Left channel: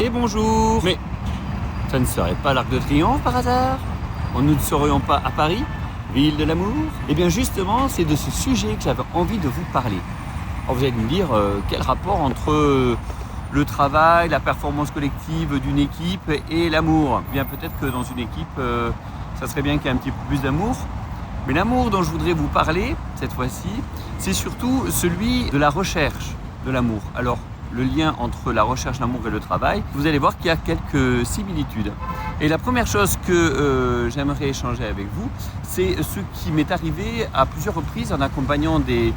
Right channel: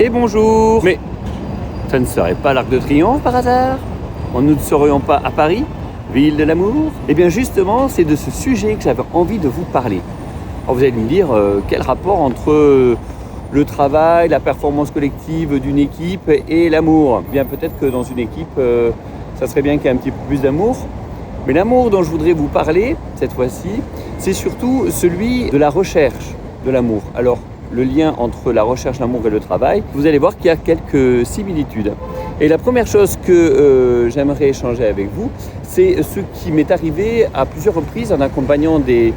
Et bonjour. Mais ça ne serait pas l'Arc de Triomphe par hasard? Nous ne serions pas à Paris, ville de l'amour? Eh bien justement, c'est de ce sujet que j'avais envie de vous parler. Alors vous allez me dire, quel rapport entre le travail, la performance collective d'une équipe et l'amour? Eh bien peut-être que dans une équipe, ça serait bien qu'il y ait un petit peu plus d'amour. Mais l'amour dont je voudrais vous parler, cette fois-ci, c'est surtout celui de la recherche de l'amour. Alors, le lien entre la recherche, l'amour et le travail, vous allez voir qu'il y a quelques similitudes. Et la première chose que j'aimerais échanger avec vous, c'est ce qui m'est arrivé à plusieurs reprises en accompagnant des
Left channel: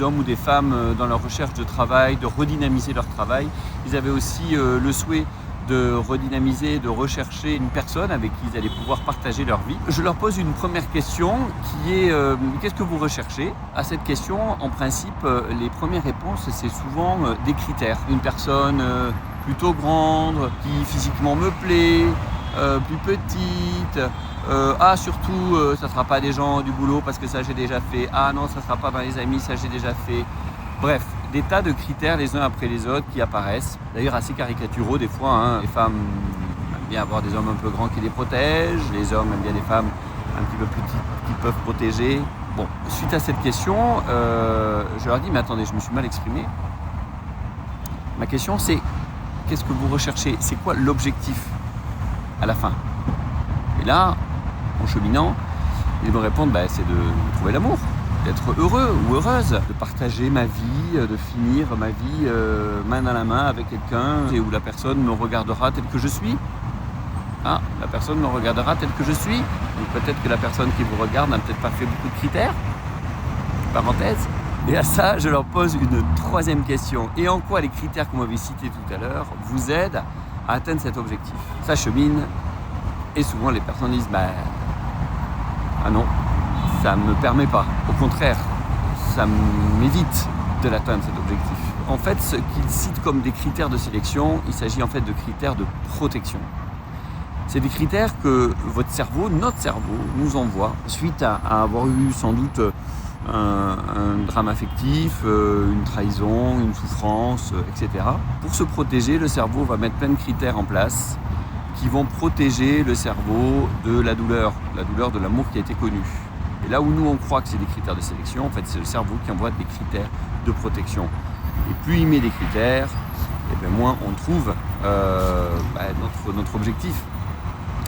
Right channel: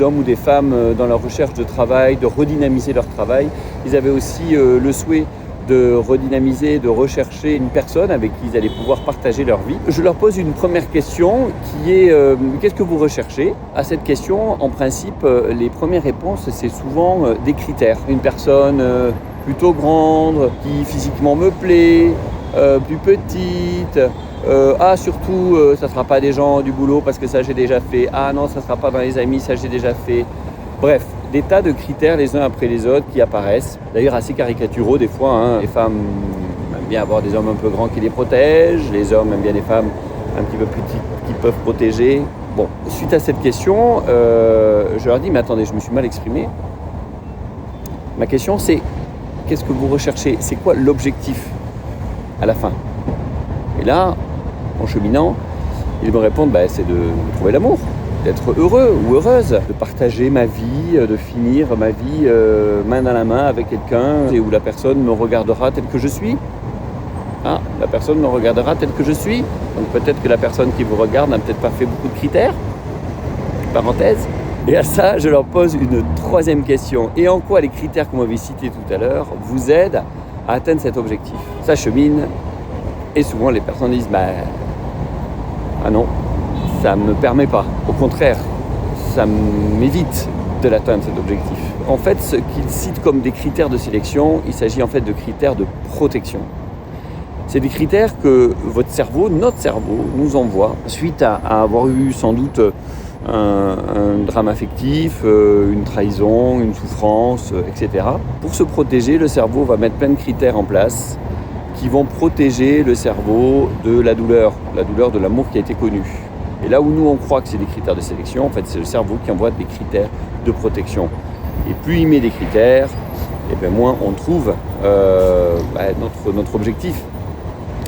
hommes ou des femmes dans leur recherche de travail, de redynamiser leur travail. Ils avaient aussi le souhait de redynamiser, de rechercher une personne avec qui ils allaient pouvoir partager leur vie. Je leur pose une première question qui est qu'est-ce que vous recherchez? À cette question, en principe, les premières réponses, c'est souvent des critères. Une personne plutôt grande, qui physiquement me plaît, plus petite, surtout ça ne sera pas des gens du boulot parce que ça j'ai déjà fait, ah non ça ne sera pas dans les amis, ça j'ai déjà fait. Bref, des tas de critères les uns après les autres qui apparaissent, d'ailleurs assez caricaturaux des fois, hein. Les femmes aiment bien avoir des hommes un peu grands qui les protègent, les hommes aiment bien des femmes un petit peu plus petites qui peuvent protéger. Bon, suite à cette question, je leur dis, mais attendez, je me suis mal exprimé. Ma question c'est, qu'est-ce que vous recherchez? C'est quoi l'objectif à la fin? Et là, en cheminant, ils me répondent, c'est de trouver l'amour, d'être heureux ou heureuse, de partager ma vie, de finir ma vie main dans la main avec quelqu'un et où la personne me regardera tel que je suis. Ah, la personne me regardera tel que je suis. Donc peut-être que la personne qui vous regarde n'a peut-être pas fait beaucoup de critères. Parenthèse. Et à ça, je leur pose une troisième question. Et en quoi les critères qu'on m'avait cités tout à l'heure vous aident à atteindre cet objectif? Ça chemine. Et souvent les personnes disent, ah non, ça ne me permet pas. Au contraire, ça m'évite de l'atteindre cet objectif. En fait, ce qu'ils citent comme des critères de sélection, il s'agit en fait de critères de protection. C'est des critères que votre cerveau, notre cerveau, nous envoie suite à avoir eu sans doute un drame affectif, une trahison, une souffrance, etc. Pour se protéger, le cerveau va mettre plein de critères en place qui vont protéger le cerveau de la douleur de l'amour qui a été connu. Et là où nous on croit que c'est des critères de sélection, en fait c'est le cerveau qui envoie des critères de protection. Et plus il met des critères, et bien moins on trouve notre objectif.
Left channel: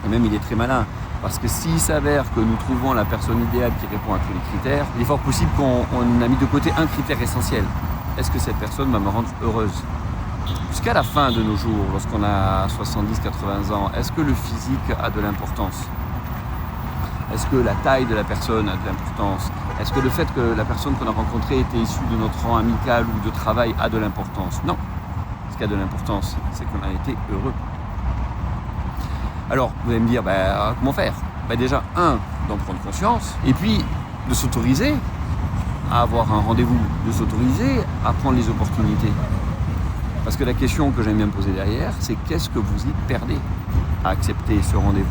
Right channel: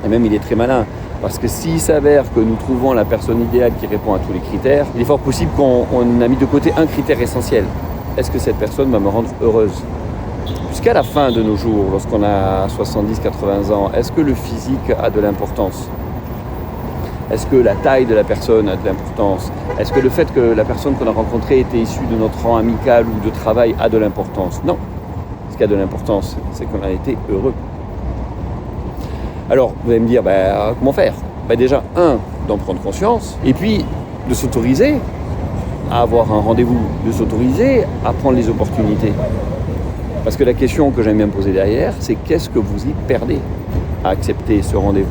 Et même il est très malin, parce que s'il s'avère que nous trouvons la personne idéale qui répond à tous les critères, il est fort possible qu'on a mis de côté un critère essentiel. Est-ce que cette personne va me rendre heureuse? Jusqu'à la fin de nos jours, lorsqu'on a 70-80 ans, est-ce que le physique a de l'importance? Est-ce que la taille de la personne a de l'importance? Est-ce que le fait que la personne qu'on a rencontrée était issue de notre rang amical ou de travail a de l'importance? Non. Ce qui a de l'importance, c'est qu'on a été heureux. Alors, vous allez me dire, comment faire? Déjà, d'en prendre conscience, et puis de s'autoriser à avoir un rendez-vous, de s'autoriser à prendre les opportunités. Parce que la question que j'aime bien me poser derrière, c'est qu'est-ce que vous y perdez à accepter ce rendez-vous?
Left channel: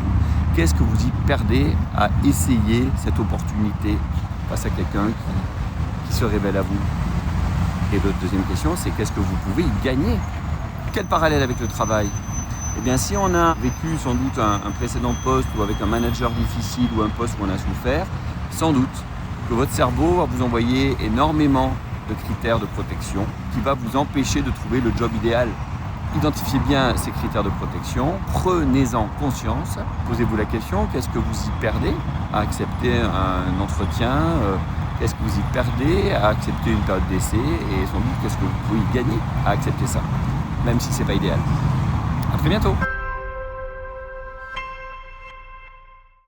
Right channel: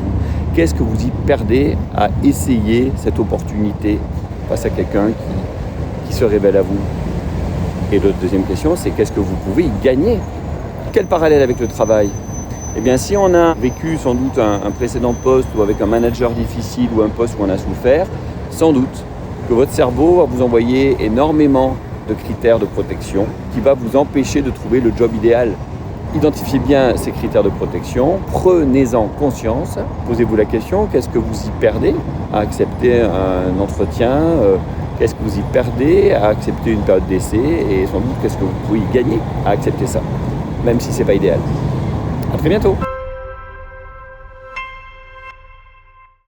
Qu'est-ce que vous y perdez à essayer cette opportunité face à quelqu'un qui se révèle à vous? Et l'autre deuxième question, c'est qu'est-ce que vous pouvez y gagner? Quel parallèle avec le travail? Eh bien, si on a vécu sans doute un précédent poste ou avec un manager difficile ou un poste où on a souffert, sans doute que votre cerveau va vous envoyer énormément de critères de protection qui va vous empêcher de trouver le job idéal. Identifiez bien ces critères de protection, prenez-en conscience, posez-vous la question, qu'est-ce que vous y perdez à accepter un entretien, qu'est-ce que vous y perdez à accepter une période d'essai et sans doute qu'est-ce que vous pouvez y gagner à accepter ça, même si ce n'est pas idéal. À très bientôt.